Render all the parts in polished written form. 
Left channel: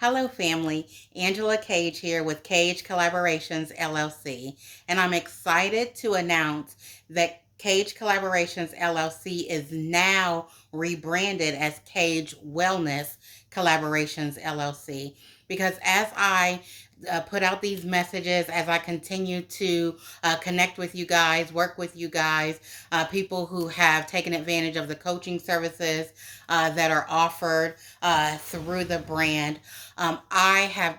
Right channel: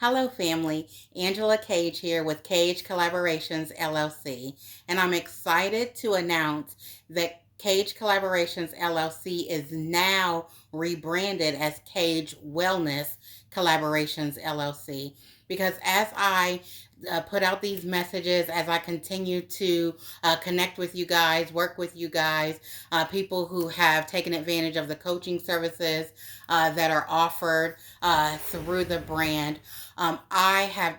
Hello, family. Angela Cage here with Cage Collaborations LLC, and I'm excited to announce that Cage Collaborations LLC is now rebranded as Cage Wellness Collaborations LLC. Because as I put out these messages, as I continue to connect with you guys, work with you guys, people who have taken advantage of the coaching services that are offered through the brand, I have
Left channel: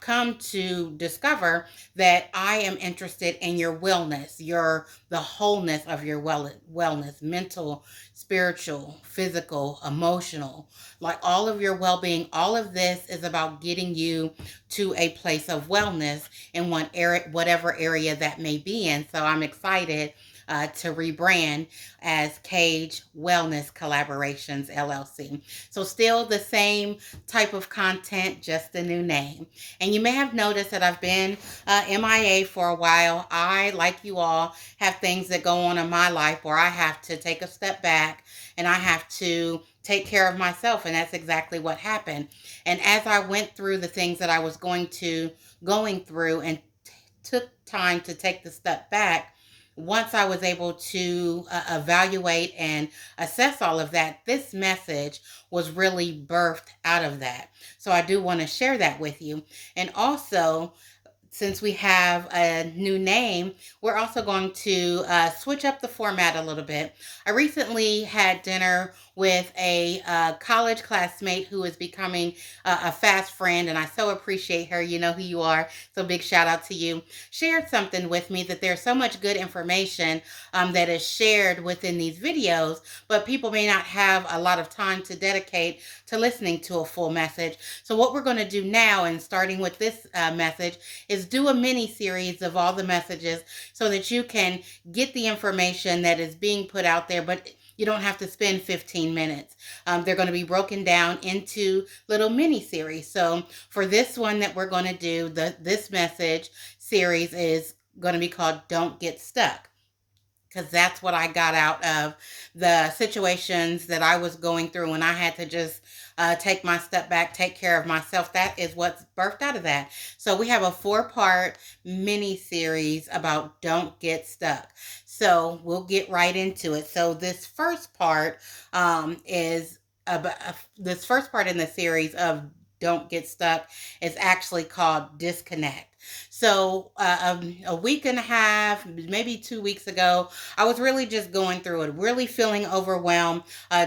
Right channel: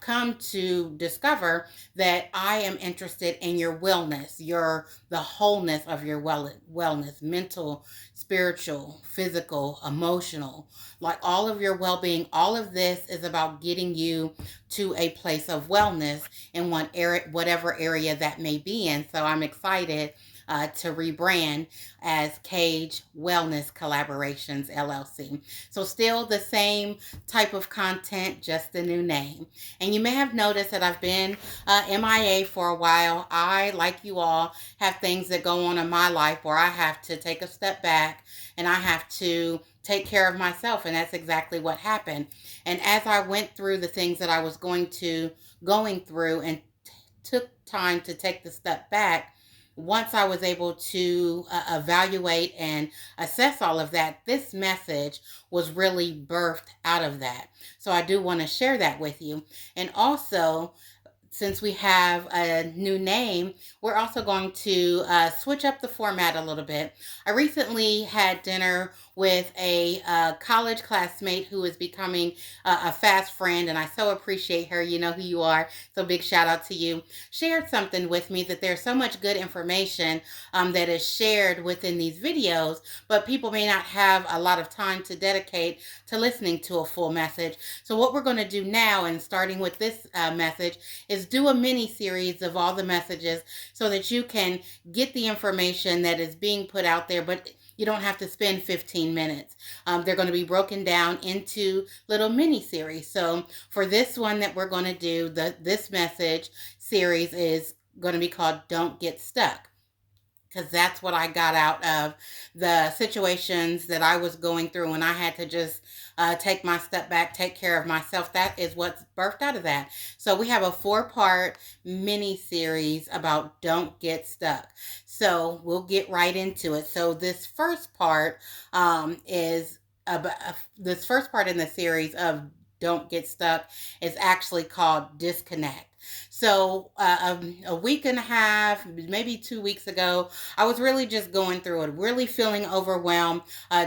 come to discover that I am interested in your wellness, the wholeness of your wellness, mental, spiritual, physical, emotional, like all of your well-being. All of this is about getting you to a place of wellness in whatever area that may be in. So I'm excited to rebrand as Cage Wellness Collaborations LLC. So still the same type of content, just a new name. And you may have noticed that I've been MIA for a while. I, like you all, have things that go on in my life where I have to take a step back and I have to take care of myself. And that's exactly what happened. And as I went through the things that I was going through and took time to take the step back, once I was able to evaluate and assess all of that, this message was really birthed out of that. So I do want to share that with you. And also, since we have a new name, we're also going to switch up the format a little bit. I recently had dinner with a college classmate who is becoming a fast friend, and I so appreciate her. You know who you are, so big shout out to you. Shared something with me that there's so much good information that is shared within these videos, but people may not have a lot of time to dedicate to listening to a full message. So what we're going to do now, and starting with this message, is do a mini series of all the messages so that you can get the information that is being put out there, but you don't have to spend 15 minutes. They're going to be broken down into little mini series. So for this one that we're going to do, this message series is going to be called Don't Get Stuck, because that's what I got out of the situations that I was going through when I had to just take my step back, take care of myself. That is what's birthed out of that. So we have a 4-part mini series about Don't Get Stuck. So we'll get right into it. So is about, this first part in the series of Don't Get Stuck is actually called Disconnect. So, a week and a half, maybe 2 weeks ago, I was really just going through it, really feeling overwhelmed.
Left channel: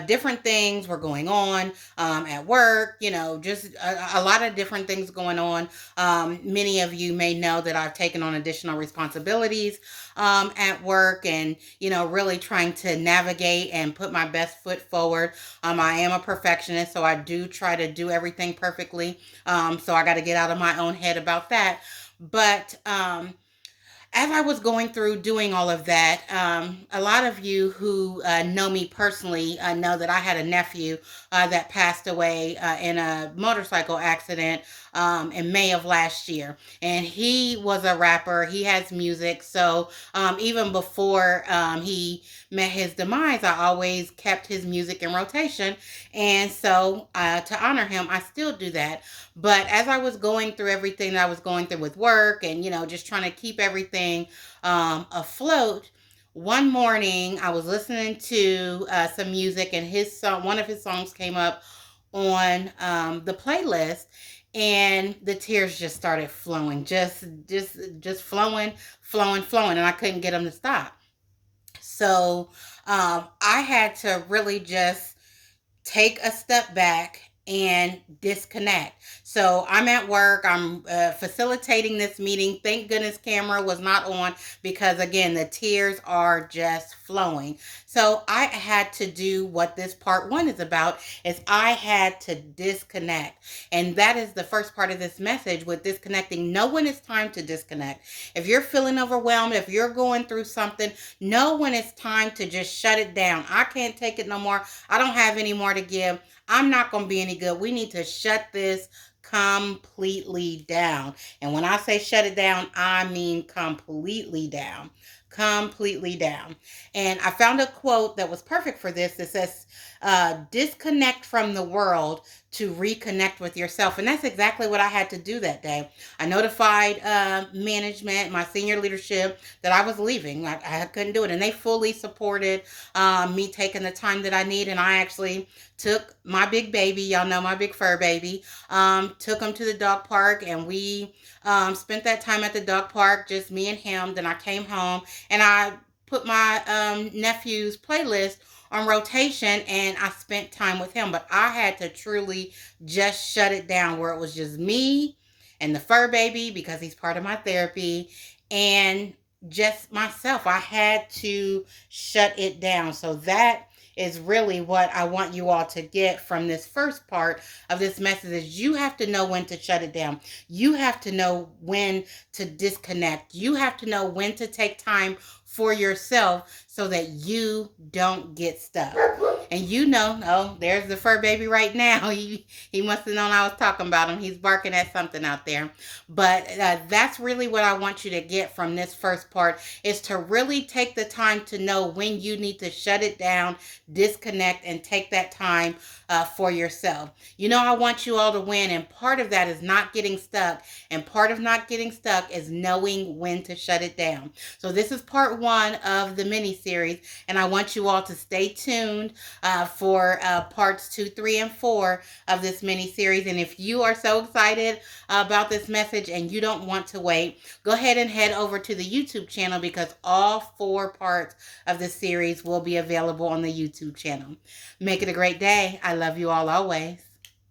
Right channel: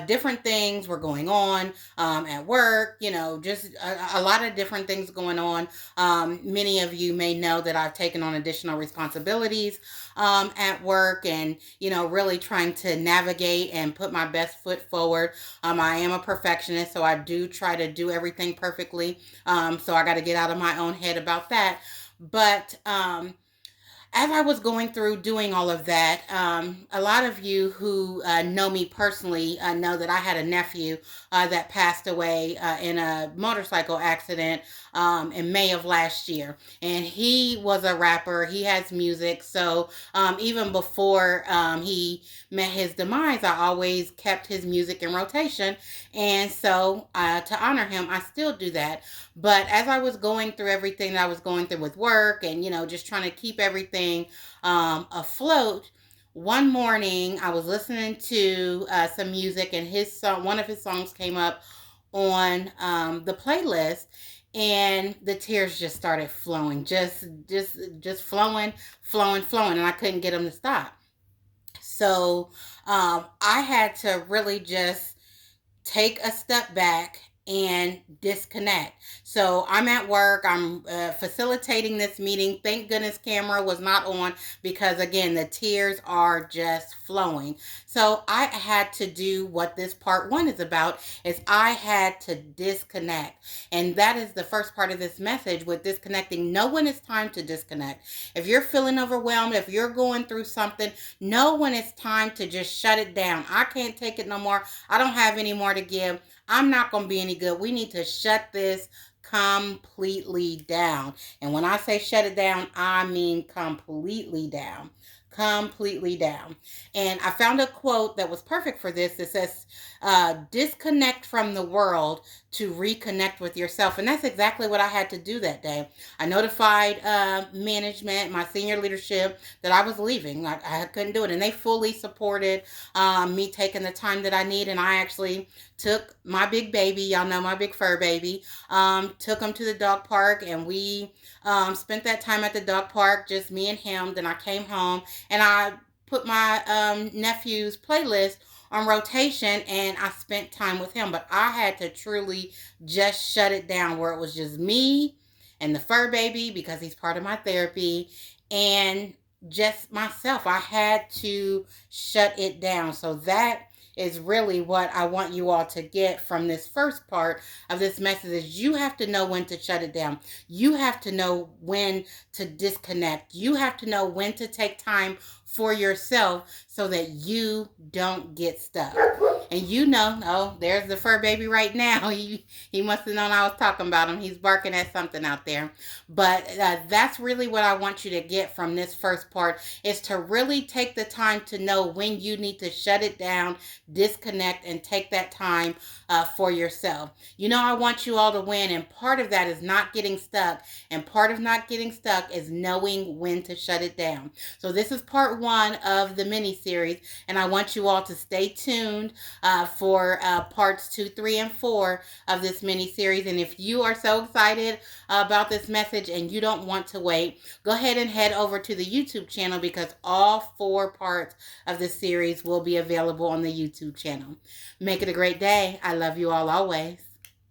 Different things were going on at work, just a lot of different things going on. Many of you may know that I've taken on additional responsibilities at work, and, really trying to navigate and put my best foot forward. I am a perfectionist, so I do try to do everything perfectly. So I got to get out of my own head about that. But as I was going through doing all of that, a lot of you who know me personally know that I had a nephew that passed away in a motorcycle accident in May of last year. And he was a rapper, he has music. So even before he met his demise, I always kept his music in rotation. And so to honor him, I still do that. But as I was going through everything that I was going through with work and, just trying to keep everything afloat, one morning I was listening to some music, and one of his songs came up on the playlist, and the tears just started flowing, just flowing, and I couldn't get them to stop. So I had to really just take a step back and disconnect. So I'm at work, I'm facilitating this meeting. Thank goodness camera was not on, because again, the tears are just flowing. So I had to do what this part 1 is about, is I had to disconnect. And that is the first part of this message with disconnecting. Know when it's time to disconnect. If you're feeling overwhelmed, if you're going through something, know when it's time to just shut it down. I can't take it no more. I don't have any more to give. I'm not going to be any good. We need to shut this completely down. And when I say shut it down, I mean completely down. completely down. And I found a quote that was perfect for this. It says, disconnect from the world to reconnect with yourself. And that's exactly what I had to do that day. I notified management, my senior leadership, that I was leaving. I couldn't do it. And they fully supported me taking the time that I need. And I actually took my big baby, y'all know my big fur baby, took him to the dog park, and we spent that time at the dog park, just me and him. Then I came home and I put my nephew's playlist on rotation, and I spent time with him. But I had to truly just shut it down, where it was just me and the fur baby, because he's part of my therapy, and just myself. I had to shut it down. So that is really what I want you all to get from this first part of this message. Is you have to know when to shut it down. You have to know when to disconnect. You have to know when to take time for yourself so that you don't get stuck. And you know, oh, there's the fur baby right now. He must have known I was talking about him. He's barking at something out there. But that's really what I want you to get from this first part, is to really take the time to know when you need to shut it down, disconnect, and take that time for yourself. You know, I want you all to win, and part of that is not getting stuck, and part of not getting stuck is knowing when to shut it down. So this is part 1 of the mini series, and I want you all to stay tuned for parts 2, 3, and 4 of this mini series. And if you are so excited about this message and you don't want to wait, go ahead and head over to the YouTube channel, because all 4 parts of this series will be available on the YouTube channel. Make it a great day. I love you all always.